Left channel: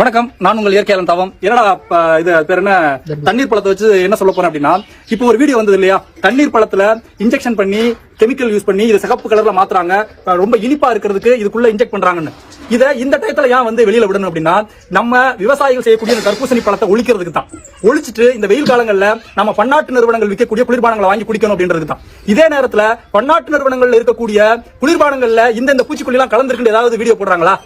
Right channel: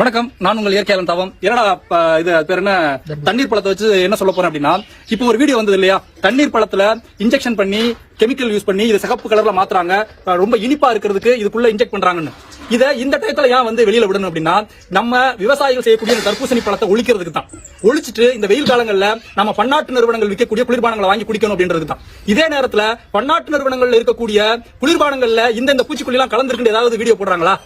வணக்கம், நான் உங்கள் இயற்கையாளன் தவம். என்னடா இது பேர் என்ன, தண்ணீர் பழத்தை வச்சு என்ன சொல்ல போறோம் அப்படின்னா, இப்போ ஒரு வீடியோ வந்தது இல்லையா, தண்ணீர் பழத்துல இன்ஜெக்ஷன் பண்ணி கெமிக்கல் யூஸ் பண்ணி இதை சிகப்பு கலர்ல மாத்துறாங்க, ரொம்ப இனிப்பா இருக்கிறதுக்கு இதுக்குள்ள இன்ஜெக்ட் பண்றாங்கன்னு. இதை இந்த டயத்துல ஏன் வந்து வெளியில விடணும் அப்படின்னா, நம்ம விவசாயிகள் செய்யக்கூடிய தர்பூசணி பழத்தை ஒழிக்கிறதுக்கு தான். ஒழிச்சிட்டு இந்த வெயில் காலங்கள்ல நம்ம பன்னாட்டு நிறுவனங்கள் விற்கக்கூடிய குளிர்பானங்களை வாங்கி குடிக்கணும் அப்படின்றதுக்கு தான். இதே நேரத்துல பன்னாட்டு நிறுவனங்கள்ல இருக்கக்கூடிய குளிர்பானங்கள்ல இந்த பூச்சிக்கொல்லி எல்லாம் கலந்துருக்கு ஏதாவது வீடியோ போடுறாங்களா?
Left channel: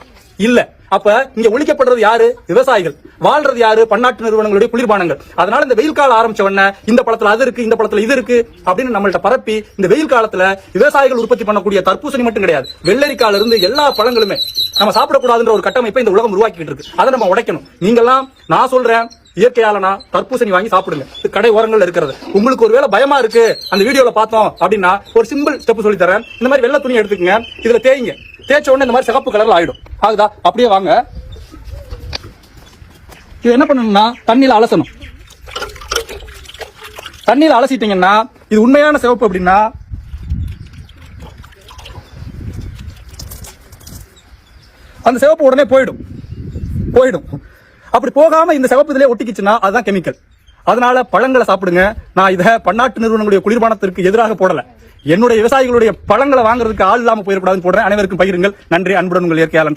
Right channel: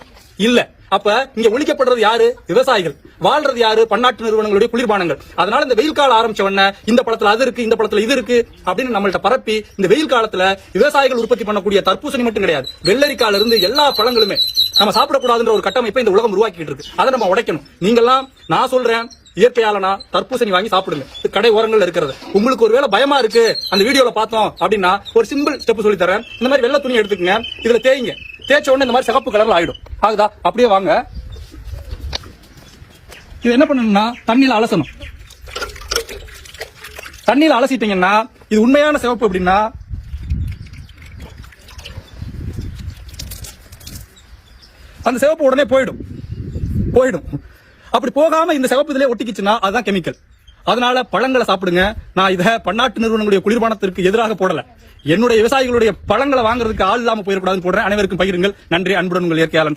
இல்ல. அப்ப இங்க ஒழிக்கப்படுறது யாரு? விவசாயிகள். வாழ்றது யாரு? பன்னாட்டு நிறுவனங்களுடைய குளிர்பானங்கள். அதனால இந்த வெயில் காலம் ஆரம்பிச்ச உடனே இந்த பழத்துல அது இருக்கு, இந்த பழத்துல இது இருக்கு அப்படின்னு நம்மள்ட்ட பரப்பி இந்த வெயில் காலத்துல விவசாயிகள் உற்பத்தி பண்ணக்கூடிய தர்பூசணி மட்டும் கிடையாது, வெள்ளரிக்கால இருந்து எல்லா பழங்களுமே நம்ம சாப்பிடக்கூடாதுன்ற ஒரு கட்டமைப்பை இந்த உலகம் உருவாக்கிட்டு இருக்கு. அதை நம்ம உடைக்கணும். நீங்கெல்லாம் நான் சொல்றேன், இயற்கையாலனா தர்பூசணி வாங்கி சாப்பிடுங்க. கடை ஓரங்கள் இருக்கிறது. உங்களுக்கு ஒருவேளை பயமா இருக்கு அந்த வீடியோல பார்த்தோம் அப்படின்னா ஒரு சிம்பிள் ஸ்டெப் சொல்லி தரேன். இந்த மாதிரி வெள்ளை துணி எடுத்துக்கங்க, இதுல தேய்ங்க. தேய்ச்ச உடனே இந்த மாதிரி சிகப்பு கலர்ல ஆயிடும். ஆகுதா? அப்படியே வாங்க. இது என்ன பண்ணணும்னா தண்ணியில அலசணும். தண்ணியில அலசிட்டீங்கன்னா இது உண்மையான சிவப்பு அப்படின்னா அந்த சிவப்பு உடனே போயிடும். அப்படி போகாம இந்த சிவப்பு இதுல ஒட்டிக்கிச்சுன்னா அதுதான் கெமிக்கல். அதனால பழங்களை சாப்பிடுங்க. நான் இதை பன்னாட்டு நிறுவனங்களுடைய குளிர்பானத்திற்கு எதிராக போடல. என்னுடைய விவசாயிகளுடைய பழங்களை வாங்குறதுக்கு ஆள் இல்லாம போயிடக்கூடாதுன்னு போடுறேன். அனைவருக்கும் பகிருங்கள். நன்றி. அன்புடன் உங்கள் இயற்கையாளன்.